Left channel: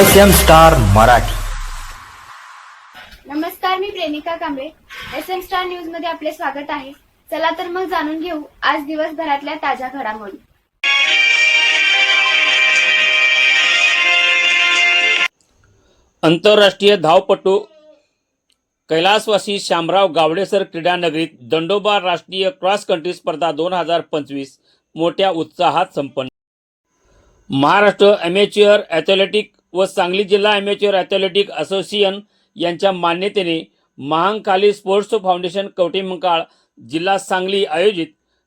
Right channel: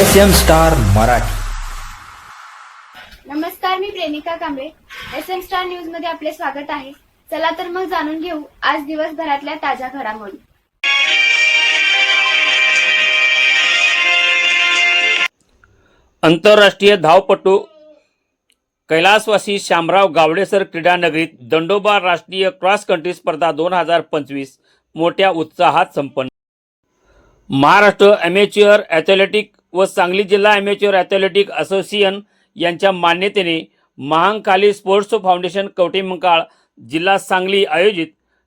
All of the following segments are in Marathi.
S M star Marathi. नमस्कार मी Premika Kamble. S M star न्यूजमध्ये आपले स्वागत आहे. चला तर मग जाणून घेऊ आज दिवसभरातल्या ताज्या घडामोडी. आंतरराष्ट्रीय धावपटू कैलासवासी शामराव गावडेसर क्रीडा नगरीत दंडोबा राष्ट्रीय क्रॉस कंट्री स्पर्धा दोन हजार पंचवीस मोठ्या उत्साहात संपन्न. महाराष्ट्र ॲमेच्युअर ॲथलेटिक व सांगली जिल्हा ॲमेच्युअर ॲथलेटिक असोसिएशन यांच्या मान्यतेने महांकाली स्पोर्ट्स फाउंडेशन कवटेमंकाळ जिल्हा सांगली आयोजित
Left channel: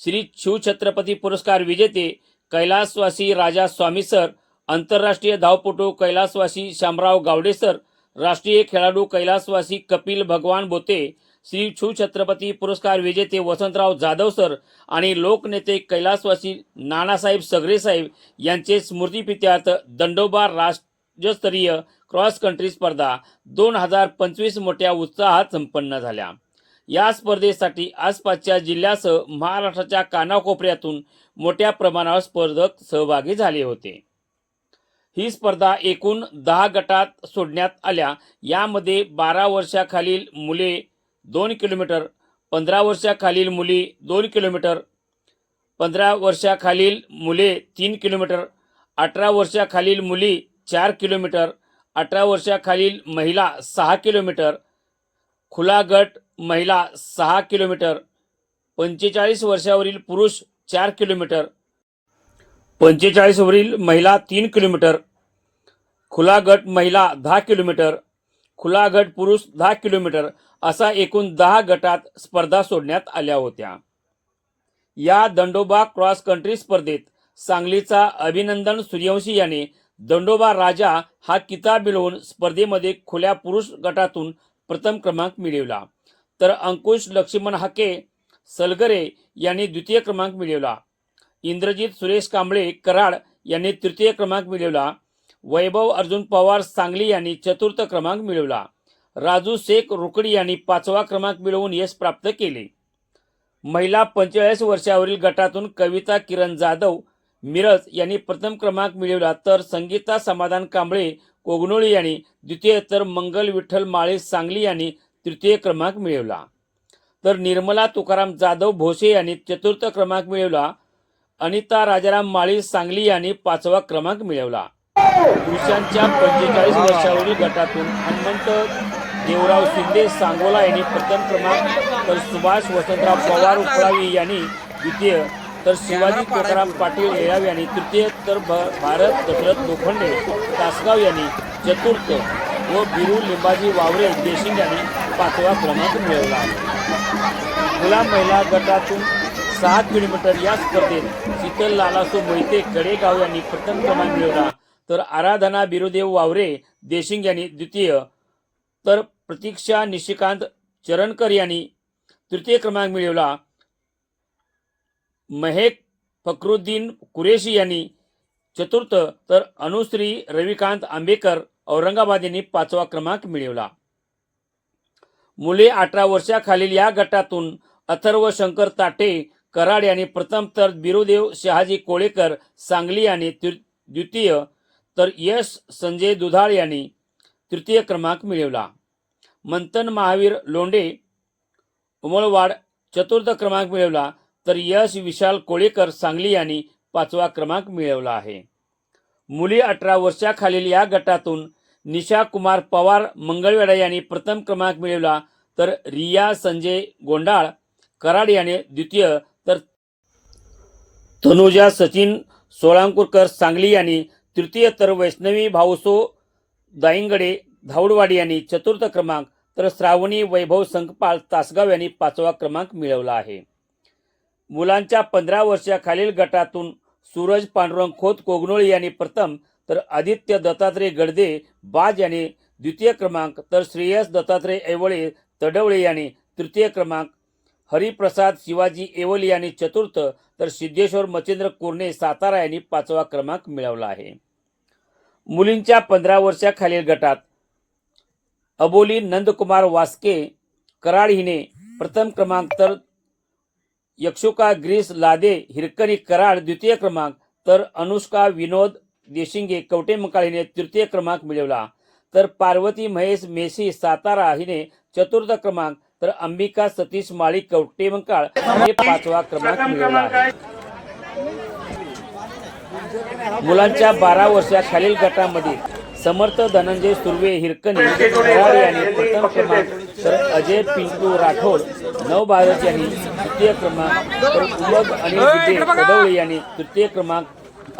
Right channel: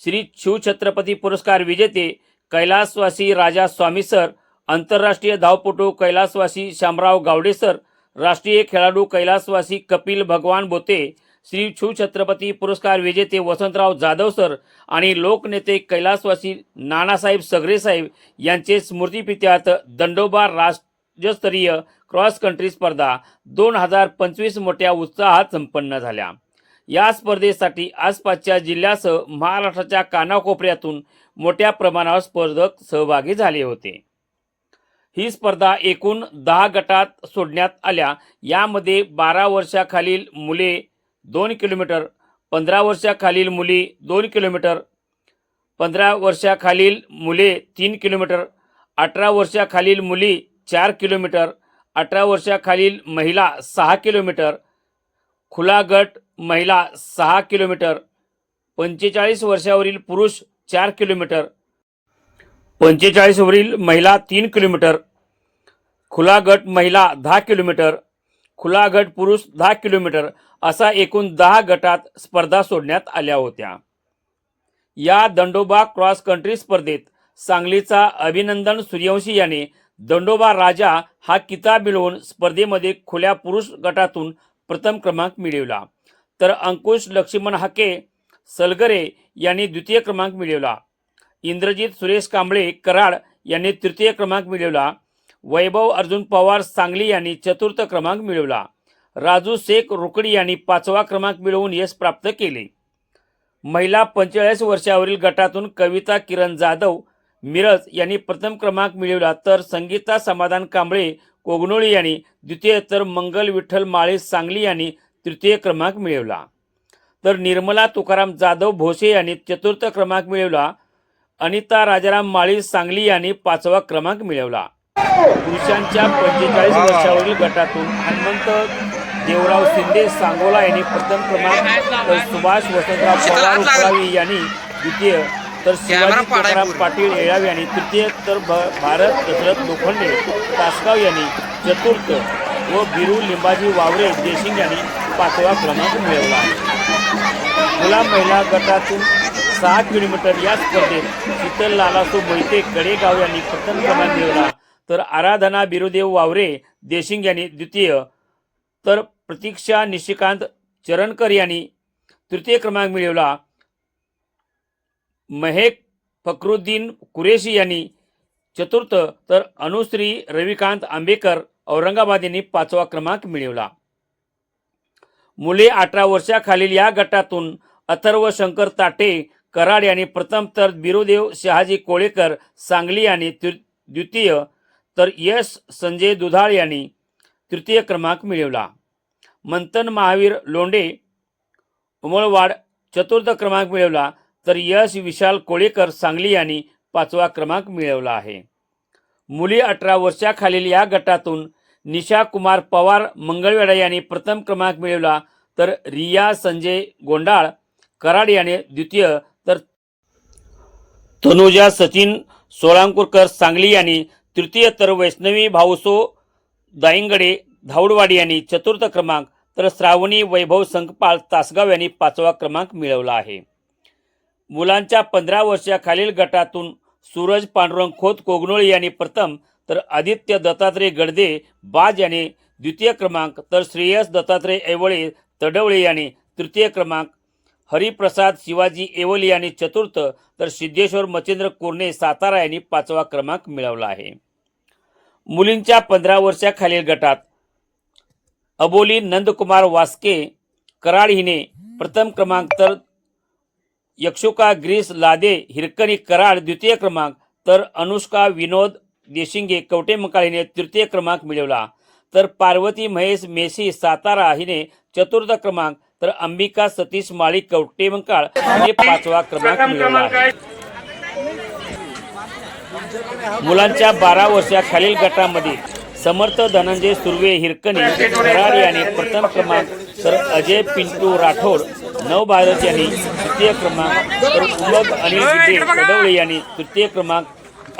श्री शिवछत्रपती पुरस्कार विजेते कैलासवासी राजा स्वामी सर आंतरराष्ट्रीय धावपटू कैलासवासी शामराव गावडे सर राष्ट्रीय खेळाडू कैलासवासी कपिल भगवान बोते श्री शिवछत्रपती पुरस्कार विजेते वसंतराव जाधव सर आणि लोकनेते कैलासवासी नानासाहेब सगरेसाहेब यांचे स्मृतिपित्यार्थ दंडोबा राज्यस्तरीय क्रॉस कंट्री स्पर्धा दोन हजार पंचवीस मोठ्या उत्साहात संपन्न झाल्या. या स्पर्धेसाठी आसपासच्या जिल्ह्यासह महाराष्ट्राच्या कानाकोपऱ्यातून मोठ्या प्रमाणावर स्पर्धक सहभागी झाले होते. ही स्पर्धा एकूण दहा गटात सोडण्यात आल्या. यामध्ये बारा वर्षाखालील मुले दोन किलोमीटर पंधरा वर्षाखालील मुली दोन किलोमीटर पंधरा वर्षाखालील मुले तीन किलोमीटर अठरा वर्षाखालील मुली चार किलोमीटर अठरा वर्षाखालील महिला सहा किलोमीटर खुला गट महिला सहा किलोमीटर पंचेचाळीस वर्षावरील पुरुष चार किलोमीटर पंचेचाळीसवरील महिला तीन किलोमीटर खुला गट महिला दहा किलोमीटर खुला गट पुरुष दहा किलोमीटर असा एकूण दहा गटात स्पर्धा सोडण्यात आल्या होत्या. या दंडोबा क्रॉस कंट्री स्पर्धेत सांगलीचा अभिनंदन सूर्यवंशी याने दंडोबा राजा हा किताब मिळवून स्पर्धेमध्ये खुल्या पुरुष गटातून प्रथम क्रमांक मिळवला. तर अंकुश लक्ष्मण हाके सलगरे यांनी द्वितीय क्रमांक मिळवला. इंद्रजित सुरेश कांबळे कराड यांनी तृतीय क्रमांक मिळवला. वैभव अर्जुन पवार सांगली यांनी चतुर्थ क्रमांक मिळवला. राजू शेख रुकडी यांनी पाचवा क्रमांक मिळवून यश प्राप्त केले. महिला पंचेचाळीस वर्षावरील गटातून कविता किरण जाधव मिरज यांनी प्रथम क्रमांक मिळवला तर संगीता समाधान कांबळे कोगनोळी यांनी द्वितीय तर मंगल विठ्ठल माळे सांगली यांनी तृतीय क्रमांक मिळवला. तर निर्मला तुकाराम जाधव भोसे यांनी चतुर्थ क्रमांक मिळवला. अनिता राजाराम माळी सांगली यांनी पाचवा क्रमांक मिळवला. पुरुषांच्या पंचेचाळीस वर्षावरील गटातून हनुमंत देवराव शिंदे सांगोला यांनी प्रथम क्रमांक तर सुभाष वसंतराव पवार यांनी द्वितीय तर शिवाजी तुकाराम पाटील येळाव यांनी तृतीय तर भ- भारत दशरथ लोखंडे तासगाव यांनी चतुर्थ व बिरू लिंबाजी वावरे देशिंग यांनी पाचवा क्रमांक मिळवला. मुला महिला गटातून सहा किलोमीटर या स्पर्धेत शीतल लालासो मोहिते कडेगाव यांनी प्रथम क्रमांक मिळवला. तर आराधना बिरुदेव वावरे देशिंग यांनी द्वितीय. तर प्रतीक्षा निशिकांत चरणकर यांनी तृतीय क्रमांक मिळवला. महेक फक्रुद्दीन कुरेशी यांनी चतुर्थ तर अनुश्री रविकांत आंबेकर औरंगाबाद यांनी पाचवा क्रमांक मिळवला. मुले अठरा वर्षाखालील या गटातून अथर्व शंकर ताटे कराड यांनी प्रथम तर बिरुदेव शहाजी कोळेकर सांगली यांनी तृ- द्वितीय तर यश संजय दुधाळ यांनी तृतीय क्रमांक मिळवला. मंथन महावीर लोंडे उमळवाड चतुर्थ क्रमांक मिळवला. तर यश विशाल कोळेकर सांगली यांनी पाचवा क्रमांक मिळवला आहे. मुली अठरा वर्षाखालील या गटातून निशा कुमार पवार मंगळवेडा यांनी प्रथम क्रमांक मिळवला तर रिया संजय गोंडाळ कराड याने द्वितीय तर तनुजा सचिन सोळांकुरकर सांगली यांनी तृतीय तर वैष्णवी भाऊसो दाईंगडे धावडवाडी यांनी चतुर्थ क्रमांक तर श्रावणी वैभव संकपाळ तासगाव यांनी पाचवा क्रमांक मिळवला आहे. मुलांच्या पंधरा वर्षाखालील गटातून सूरज पांडुरंग खोत कोगनोळी यांनी प्रथम तर आदित्य दत्तात्रय गडदे बाज यांनी द्वितीय क्रमांक तर श्रेयस दत्तात्रय ऐवळे तडवळे यांनी तृतीय क्रमांक हरिप्रसाद शिवाजी एवली यांनी चतुर्थ तर सिद्धेश्वर मच्छिंद्र कोरणे सातारा यांनी पाचवा क्रमांक मिळवला आहे. मुलींच्या पंधरा वर्षाखालील गटात अबोली नंदकुमार वास्के कराड हिने प्रथम क्रमांक तर यक्षुका ग्रीस लादे हिरकणी कराड द्वितीय क्रमांक तर अनुष्का विनोद देशिंगे कवटे हिने तृतीय क्रमांक मिळवला. तर पार्वती महेश मेसी सातारा हिने चतुर्थ क्रमांक तर अंबिका सतीश माळी कवटे मंकाळ हिने पाचवा क्रमांक मिळवला. आहे मुलांच्या बारा वर्षाखालील गटामध्ये समर्थ धनंजय सुर्वे हिरकणी कराड यांनी प्रथम क्रमांक तर अजय पिंटू राठोड नव भारत यांनी तृतीय क्रमांक उमग अनिल गिड्डे कदवळे यांनी तृतीय क्रमांक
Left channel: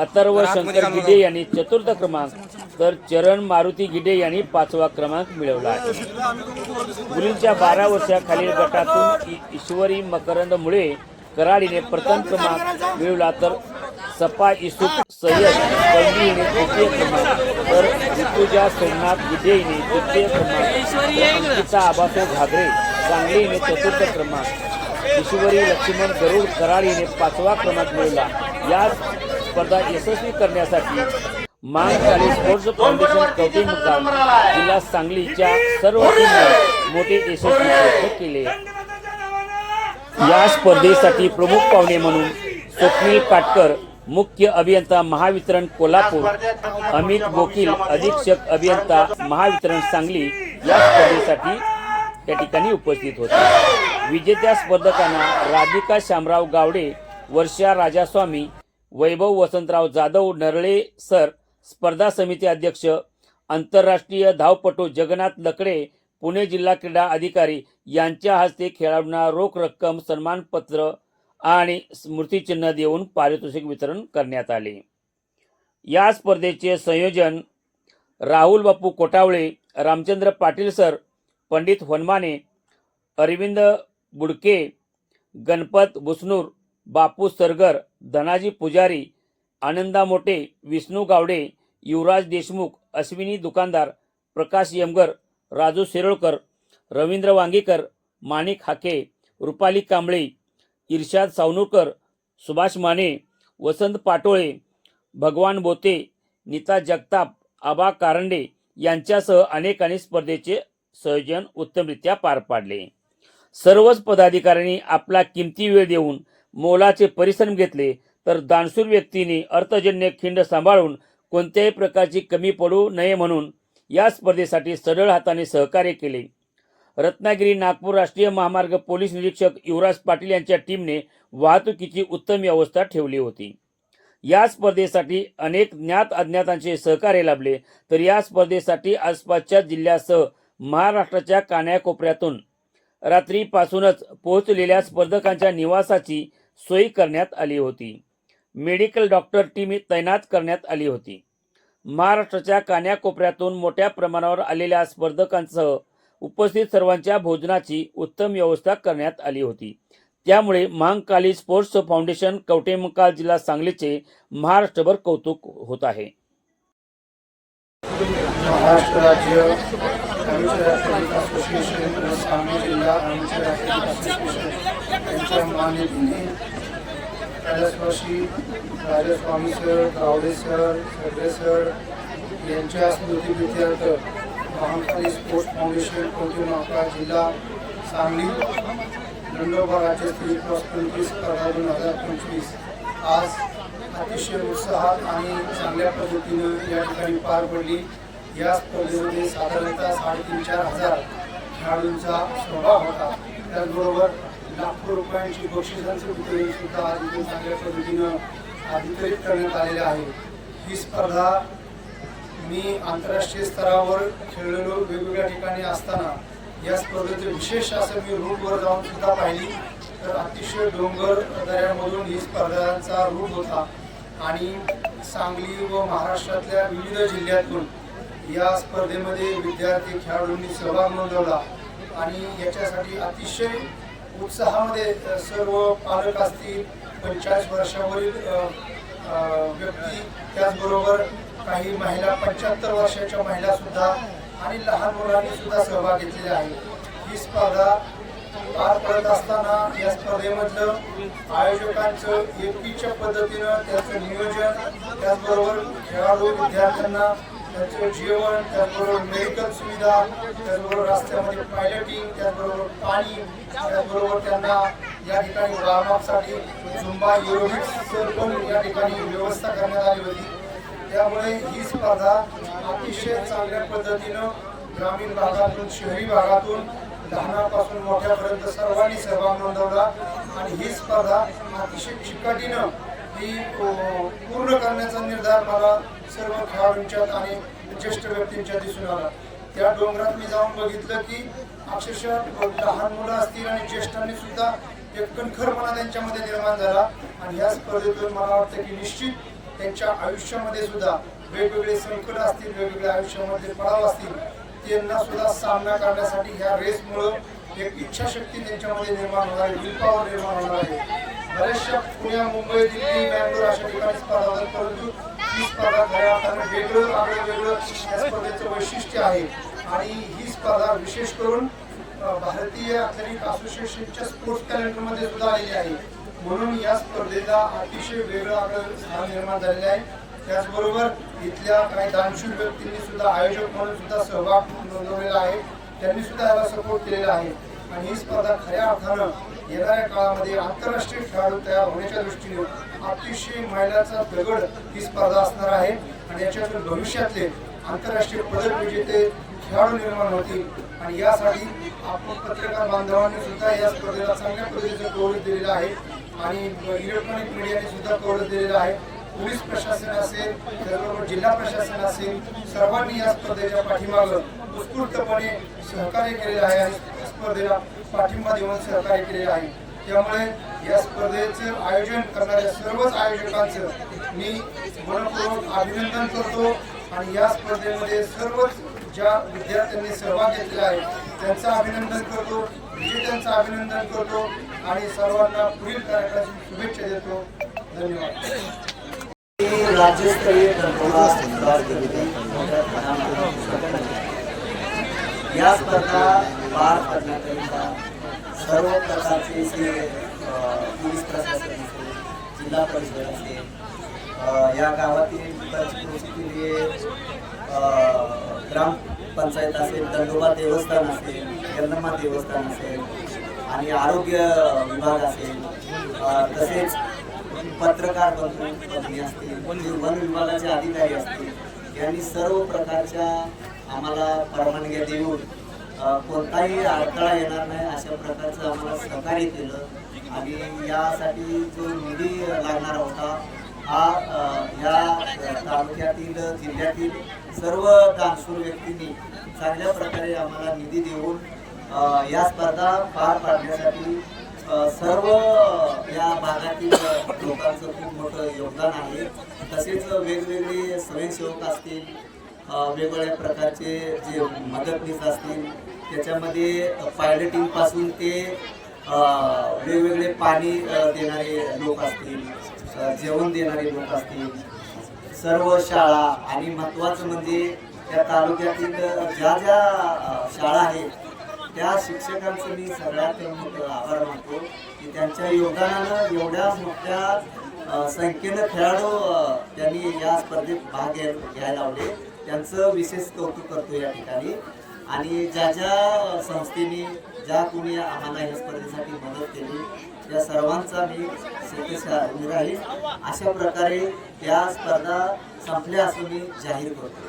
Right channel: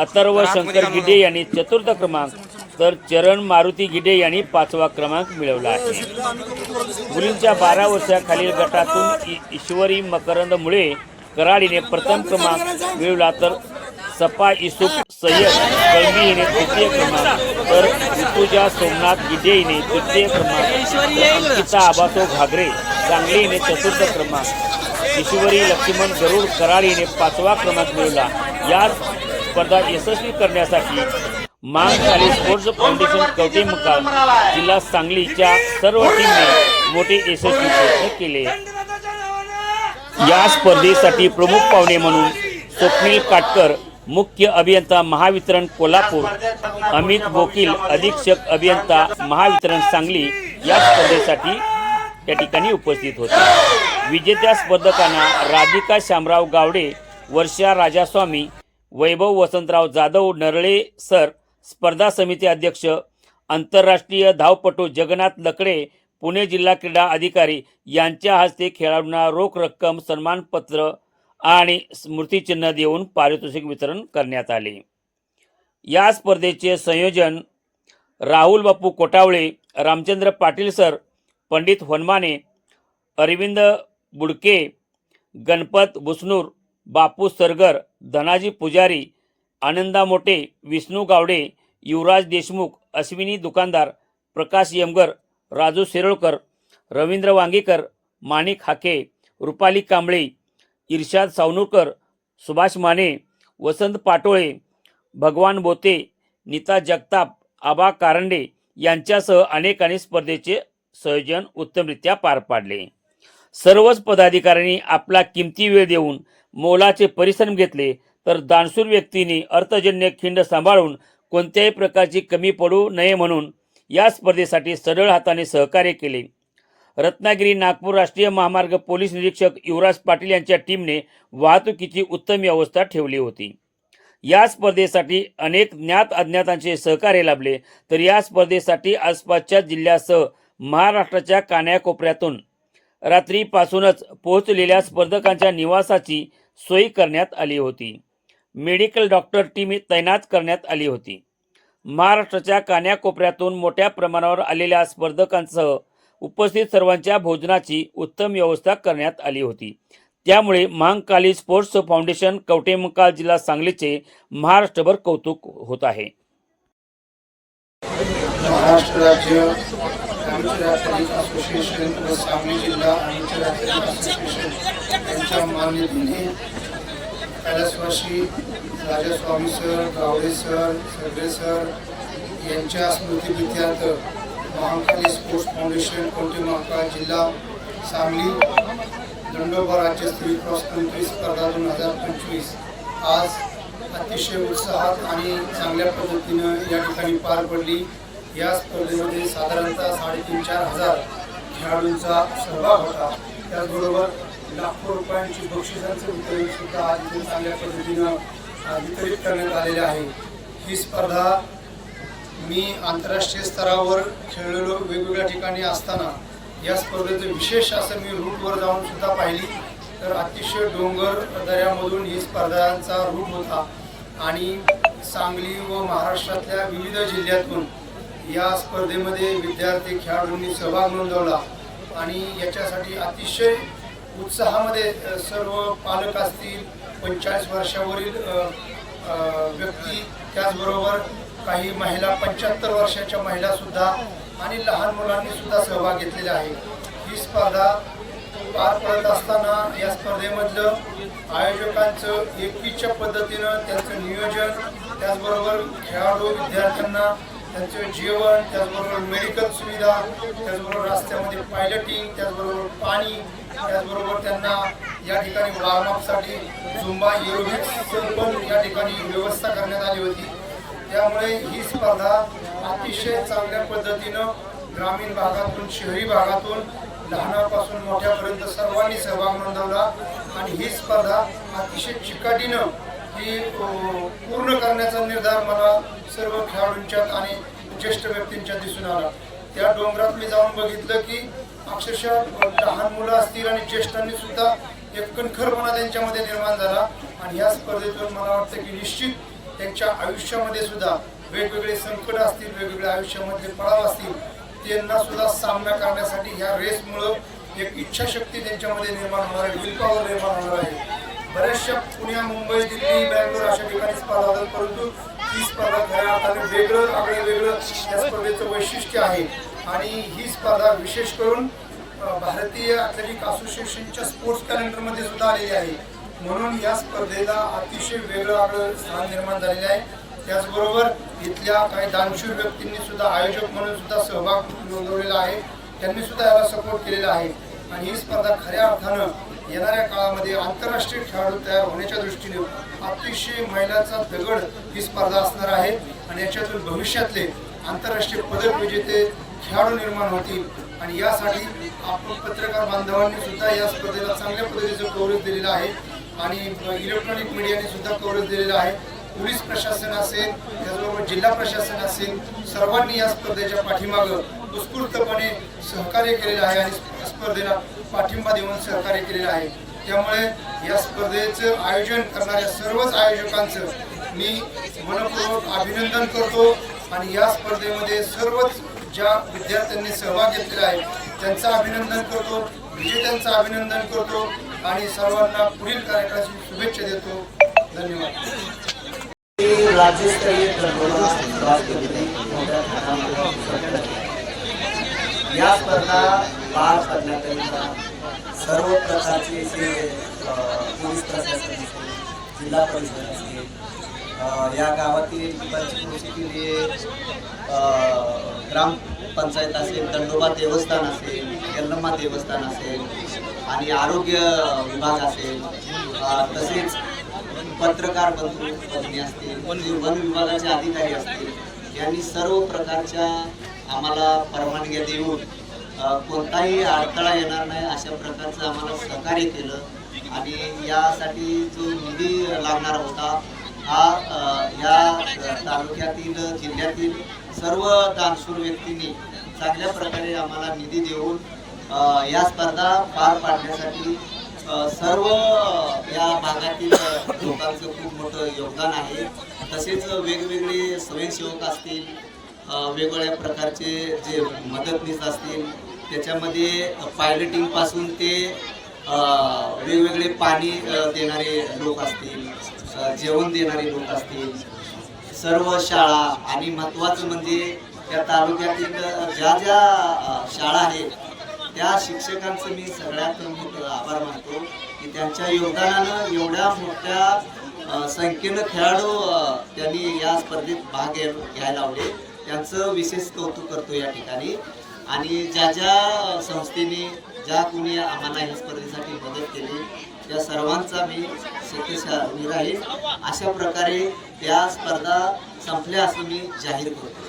अथर्व शंकर गिड्डे यांनी चतुर्थ क्रमांक. तर चरण मारुती गिड्डे यांनी पाचवा क्रमांक मिळवला आहे. मुलींच्या बारा वर्षाखालील गटातून ईश्वरी मकरंद मुळे कराडीने प्रथम क्रमांक मिळवला तर सपा इसूफ सय्यद कळंबी हिने तृतीय क्रमांक. तर ऋतुजा सोमनाथ गिड्डे हिने तृतीय क्रमांक. अंकिता आबासो घागरे सांगली हिने चतुर्थ क्रमांक. ईश्वरी लक्ष्मण गरुड कराड हिने पाचवा क्रमांक मिळवला. या स्पर्धा यशस्वी करण्यासाठी महाकाली स्पोर्ट्स फाउंडेशन कवटे मुकाम जिल्हा सांगलीच्या सर्व टीमने मोठे यशस्वी प्रयत्न केले. या स्पर्धेसाठी प्रमुख पाहुणे म्हणून स्वप्नील काटकर मुख्य अभियंता महावितरण कोल्हापूर अमित वकील अधीक्षक अभियंता महावितरण सांगली या स्पर्धेसाठी या ठिकाणी उपस्थित होते. विजेत्या स्पर्धकांना राधिका शामराव गावडे वर्षा राजास्वामी वैभव वसंतराव जाधव नरळे सर स्पर्धा समिती अध्यक्ष आंतरराष्ट्रीय धावपटू जगन्नाथ लकडे पुणे जिल्हा क्रीडा अधिकारी यांच्या हस्ते खेळाडूंना रोख रक्कम सन्मानपत्र आणि स्मृतिचिन्ह देऊन पारितोषिक वितरण करण्यात आले. या स्पर्धेचे संयोजन राहुल बापू कोटावळे रामचंद्र पाटील सर पंडित होनमाने अरविंद बुडके गणपत बुसनूर बापू सरगर धनाजी पुजारी आनंदा मोटे विष्णू गावडे युवराज देशमुख अश्विनी दुकानदार प्रकाश यमगर राजू शिरोळकर रवींद्र वांगीकर माणिक हाके रुपाली कांबळे इर्शाद सावनूरकर सुभाष माने वसंत पाटोळे भगवान बोते नीता जगताप आबा कारंडे यांच्यासह अनेकांनी स्पर्धेचे संयोजन उत्तमरित्या पार पाडले. सर्वच पदाधिकाऱ्यांनी आपला किमती वेळ देऊन मोलाचे परिश्रम घेतले तर दानशूर व्यक्तींनी अर्थजन्य खिंड सांभाळून कोणत्याही प्रकारची कमी पडू नये म्हणून या स्पर्धेसाठी सरळ हाताने सहकार्य केले. रत्नागिरी नागपूर राष्ट्रीय महामार्ग पोलीस निरीक्षक युवराज पाटील यांच्या टीमने वाहतुकीची उत्तम व्यवस्था ठेवली होती. या स्पर्धेसाठी अनेक ज्ञात अज्ञातांचे सहकार्य लाभले तर या स्पर्धेसाठी आसपासच्या जिल्ह्यासह महाराष्ट्राच्या कान्याकोपऱ्यातून रात्रीपासूनच पोहोचलेल्या स्पर्धकांच्या निवासाची सोय करण्यात आली होती. मेडिकल डॉक्टर टीम तैनात करण्यात आली होती. महाराष्ट्राच्या कान्याकोपऱ्यातून मोठ्या प्रमाणावर आलेल्या स्पर्धकांसह उपस्थित सर्वांच्या भोजनाची उत्तम व्यवस्था करण्यात आली होती. त्यामुळे महांकाली स्पोर्ट्स फाउंडेशन कवटेमकाल जिल्हा सांगलीचे महाराष्ट्रभर कौतुक होत आहे. महाराष्ट्र राज्य ॲमेचर ॲथलेटिक असोसिएशन व सांगली जिल्हा ॲमेचर ॲथलेटिक असोसिएशन यांच्या मान्यतेने कैलासवासी राजास्वामी सर गावडे सर सगळे सर यांच्या स्मृतीप्रित्यर्थ महाकाली स्पोर्ट्स फाउंडेशन कोंटीमाका जिल्हा सांगली दंडोबा राज्यस्तरीय क्रॉस कंट्री स्पर्धा दोन हजार पंचवीस. आज अतिशय उत्साहात आणि चांगल्या पद्धतीनं या ठिकाणी पार पडली. या स्पर्धेमध्ये साधारणतः साडेतीन चार हजार खेळाडूंचा सहभाग होता. त्याचबरोबर लाखो रुपयांची बक्षिसांचं वितरण सुद्धा आज चांगल्या पद्धतीनं वितरित करण्यात आलेलं आहे. ही स्पर्धा मी आंतरराष्ट्रीय स्तरावर खेळलेलो वेगवेगळ्या ठिकाणी असताना या स्पर्धेचं विशेष असं मी रूटवर जाऊन सुद्धा पाहिली. तर अतिशय डोंगर दऱ्यामधून ही स्पर्धांचा रूट होता. आणि सांगली व महाराष्ट्रातल्या विविध जिल्ह्यातून या स्पर्धेमध्ये विद्यार्थी खेळाडूंनी सहभाग नोंदवला आणि याच्यासाठी अतिशय उत्साहामध्ये सर्व पालक असतील पंचेचाळीस वर्षावरील व्यक्ती त्याचबरोबर काही महिला पंच्याहत्तर वर्षाच्या महिलासुद्धा आणि लहान मुलांनीसुद्धा सहभाग घेतलेला आहे. ही स्पर्धा पार पडत असताना या स्पर्धेमधलं आयोजकांचं एकीच्या पद्धतीनं त्यांचं नियोजन त्याचबरोबर खेळाडू विद्यार्थ्यांना त्यांचं जेवण त्याचबरोबर मेडिकल सुविधा त्याचबरोबर रस्त्यामध्ये पायलटिंग त्याचबरोबर पाणी त्याचबरोबर त्यांना या ठिकाणी वॉर्मअपसाठी झुंबा एरोबिक्स पण या ठिकाणी व्यवस्था करण्यात आली होती. त्यामुळे ही स्पर्धा अतिशय चांगल्या पद्धतीनं ग्रामीण भागातून शहरी भागातून लहानापासून मोठ्यापर्यंत सर्वांनी सहभाग नोंदवला. आणि ही स्पर्धा अतिशय चिकाटीनं ही पूर्ण करण्याचा निर्धार मला सर्व खेळाडूंच्यात आणि ज्येष्ठ व्यक्तींच्यात दिसून आला. त्या डोंगरात मी जाऊन बघितलं की अक्षरशः लहान मुलं असतील आणि ज्येष्ठांनी सुद्धा एक कणखरपणा त्यांच्यामध्ये निर्माण झाला. आणि ह्या स्पर्धेतून मला वाटतं की निश्चित त्यांच्या आयुष्यामध्ये सुद्धा वेगवेगळे संकट असतील वेगवेगळ्या आयुष्यामधले पडाव असतील त्यांना सुद्धा सामना करण्यासाठी ह्या रेसमुळं एक इच्छाशक्ती त्यांच्यामध्ये निर्माण होणार आहे विलपावर निर्माण होणार आहे. बऱ्याचशा पुण्या मुंबई दिल्ली बँगलोर अशा ठिकाणी स्पर्धा होतात परंतु ही स्पर्धा खऱ्या अर्थाने वेगळं आगळं वेगळं या स्पर्धेचं वैशिष्ट्य आहे. आणि ही स्पर्धा विशेष करून भारतीय ॲथलेटिक असोसिएशनच्या स्पोर्ट्स कॅलेंडरमध्ये सुद्धा आलेली आहे. म्हणून या स्पर्धेला अतिशय वेगळं आगळं स्थान निर्माण झालेलं आहे. त्याचबरोबर इथल्या काही दानशूर व्यक्तींनी सुद्धा आयोजक म्हणून सुद्धा सहभाग नोंदवलेला आहे. त्यांनी सुद्धा याला सपोर्ट केलेला आहे. आणि ही स्पर्धा खऱ्या अर्थानं येणाऱ्या काळामध्ये आंतरराष्ट्रीय खेळाडू तयार होण्याच्या दृष्टीने अतिशय मैलाचा दगड ही स्पर्धा असणार आहे. आणि याच्यातून भविष्यातले आंतरराष्ट्रीय पदक विजेते खेळाडू निर्माण होतील. आणि यासाठी आपण पत्रकार बांधवांनी सुद्धा या स्पर्धेला चांगल्या पद्धतीचं कव्हरेज दिलेलं आहे. आणि इलेक्ट्रॉनिक मीडियाने सुद्धा कव्हरेज दिलेलं आहे. पोलीस प्रशासन असेल त्याचबरोबर जिल्हा प्रशासन असेल सर्वांनी या स्पर्धेच्या पाठीमागं उत्स्फूर्तपणे सहकार्य केलेलं आहे आणि स्पर्धेला पाठिंबा देऊन सहकार्य केलेलं आहे. त्यामुळे या स्पर्धेचं आयोजन करणाऱ्या सर्वच आयोजकांचं मी मनपूर्वक अभिनंदन करतो आणि या स्पर्धेमध्ये सर्वच ज्या विद्यार्थ्यांनी सहभाग घेतलेला आहे त्यांचं अभिनंदन करतो विजेत्यांचं अभिनंदन करतो आणि सर्वांना पुढील कार्यक्रमाची शुभेच्छा देतो. धन्यवाद. राज्यस्तरीय या स्पर्धा पार सर्व प्रकारचे जे पोलीस प्रशासन जिल्हा परिषद असेल या गावातील पंचक्रोशीतील जे ग्रामपंचायत असेल दंडोबा देवस्थान असेल यल्लम्मा देवस्थान असेल आणि आरोग्य विभाग असेल तसेच पत्रकार बंधू भगिनी असतील वन विभागाचे अधिकारी असतील यांनी सर्व प्रकारच्या आम्हाला परवानग्या देऊन कोणताही अडथळा येणार नाही अशा प्रकारचं आम्हाला सहकार्य केलं. आणि यासाठी जो निधी लागणार होता हा या तालुक्यातील जिल्ह्यातील सर्व दानशूर व्यक्तींनी चांगल्या प्रकारे आम्हाला निधी देऊन या स्पर्धा पार पाडण्यासाठी सर्व या भागातील लोकांचं खूप मोठं योगदान आहे. तसेच वेगवेगळे स्वयंसेवक असतील वेगवेगळ्या प्रकारचे जे मदतनीस असतील त्याच्यामध्ये पायलटिंगपासून ते वेगवेगळे पाणी देणारे लोक असतील जेवण देणारे लोक असतील. सर्व शाळा आणि महत्त्वाचं म्हणजे या तालुक्यातील ज्या ज्या शाळा आहेत त्या शिक्षकांचं मी सगळ्यात मोठं आभार मानतो की त्यांच्या योगदानानं एवढ्या मोठ्या संख्येनं खेळाडू त्यांनी या स्पर्धेत भाग घ्यायला लावले. त्यांचं विशेष कौतुक करतो या ठिकाणी. आणि ज्या ज्या संस्थेने ज्या कोणी आम्हाला या स्पर्धेसाठी मदत केली त्या सर्वांचा मी शतशः ऋणी राहील. अशा प्रकारे या स्पर्धा संपल्या असं मी जाहीर करतो.